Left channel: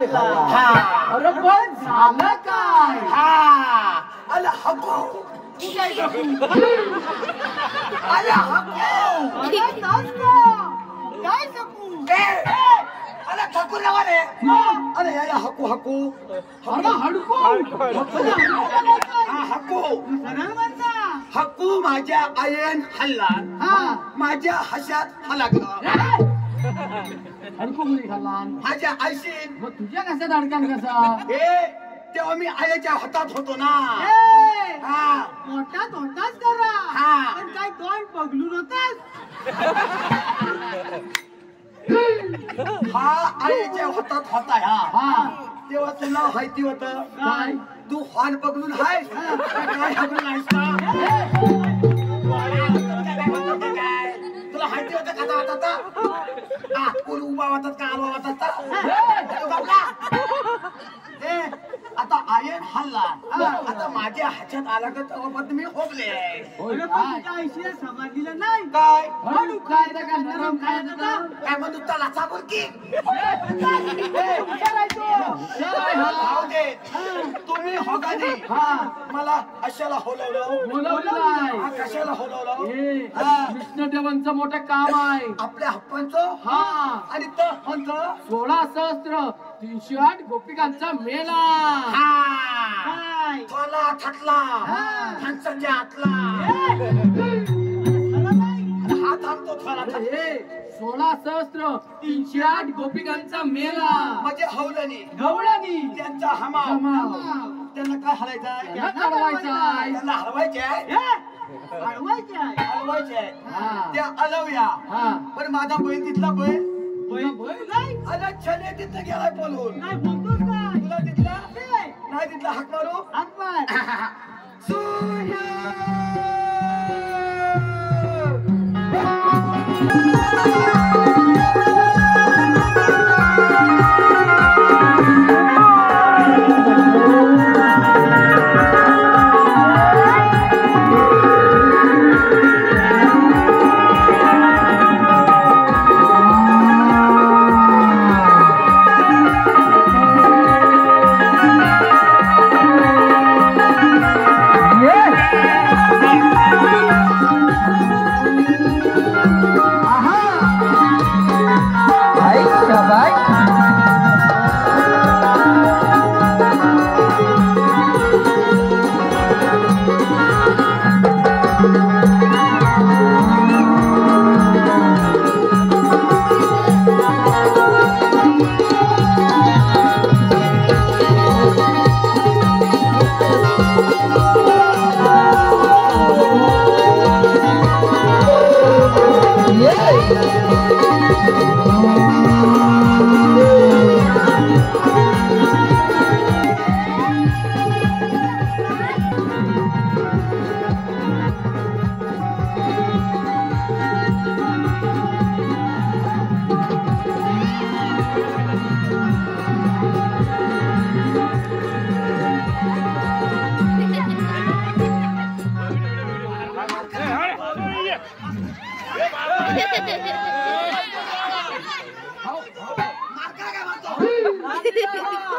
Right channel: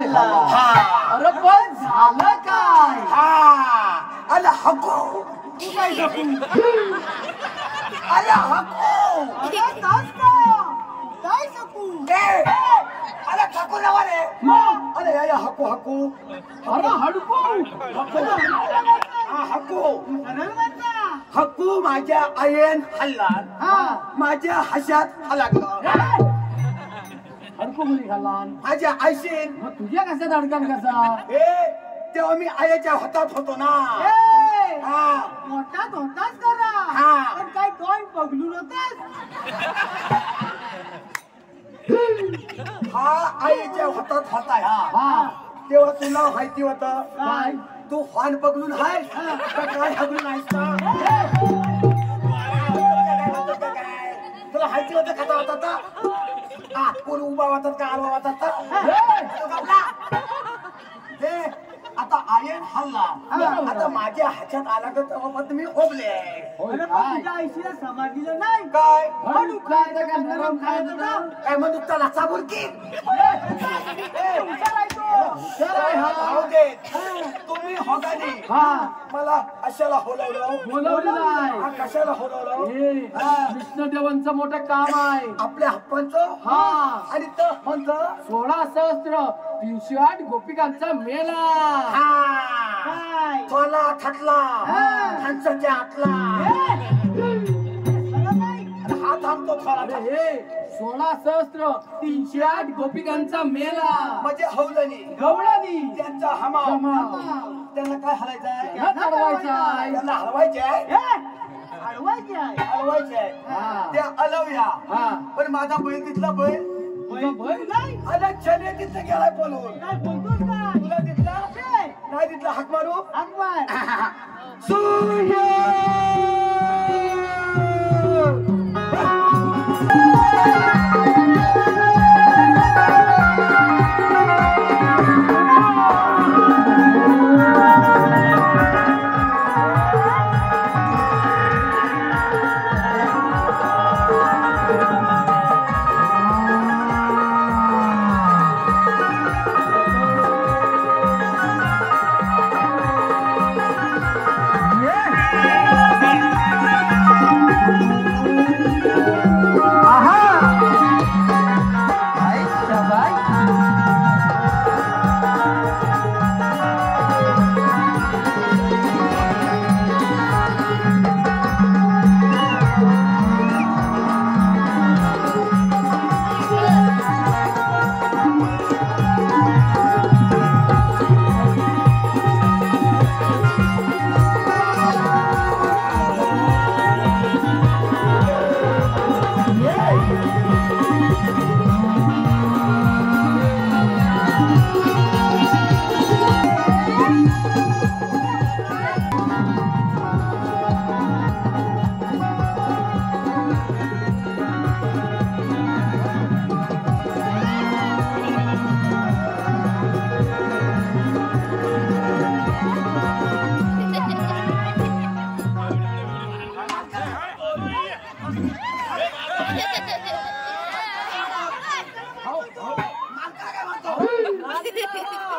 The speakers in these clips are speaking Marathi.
हा पण झालं काय? हा आला हको आला हको काय सकू? आला थकू नवा रे अरे या हको हको अरे हडको हा हको हक्कू माझ्या आईन हल्ला माझ्या हशात हलागला हडको मुली खाल्ला माझ्या आईशीन मग तुझ्या कशात अडकन कसा? हे तेव्हा मी आईच्या हातात होतो ना हा मोठात होताच करा हा. पण काय दोन पगलून होतास? हा आईच्या हातात होता हा तेव्हा तुला माहिती होत काय? तू हॉर्न पकडून आहेस काय हकडून आहेस का तुला माहिती होतं कसा होता हा कोण उभा होतात का आडवा होतात आता आयन हल्ला आता माझ्या ह्याच्यात आला का तेव्हा तुम्ही होबले तुझ्या आईशीला समाधीला नाही काय हडू खायचं का नरम खायचं का? काय म्हणतो त्याला साबूर की तुम्ही होगाने मला अशाला बोलवलं कशाला होलवलं कृष्णदेवांचं मोठं काम आहे आपल्या हप्पांचं हा आणि तो पंच 16 सहस्त्र 308 गोपिकांचा मेला थोला थटला हंसाच्या आतला हा थांबतो थोला 16 सहस्त्र 308 गोपिकांचा मेला म्हणजे हवलनी गवळणी त्यांचा हमा त्यांना काय हलायचं आहे चढवायचा आहे त्यांना हलवायचे आहे अडवायचे आहे हलवायचे आहे ते अलवया हा पण माझा बैल तिथला बैल नाही आला छले तिथं गेलाय पळून काय बोलतोस का? तुला तिथला नाही तिथला हाक मारू अकबर सूर्य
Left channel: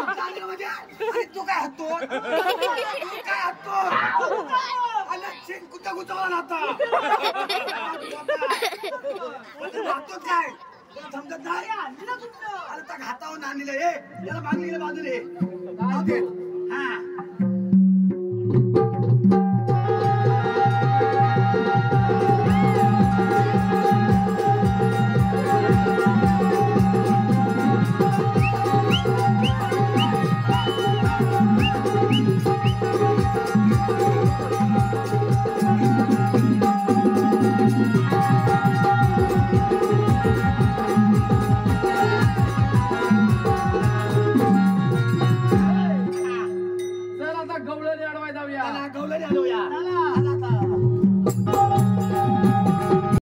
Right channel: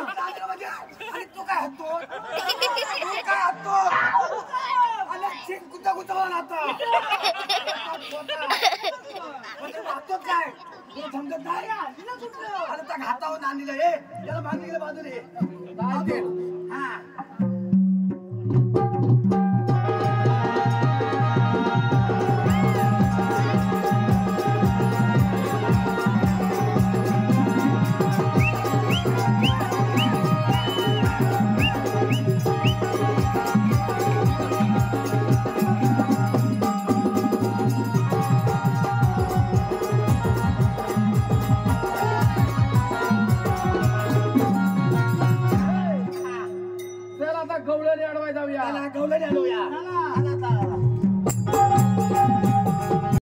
तू काय हत्तो कुठं कुठं आता काय तुला समजत नाही आता हातावर आणलेलं हे याला बांधलेलं बाजूने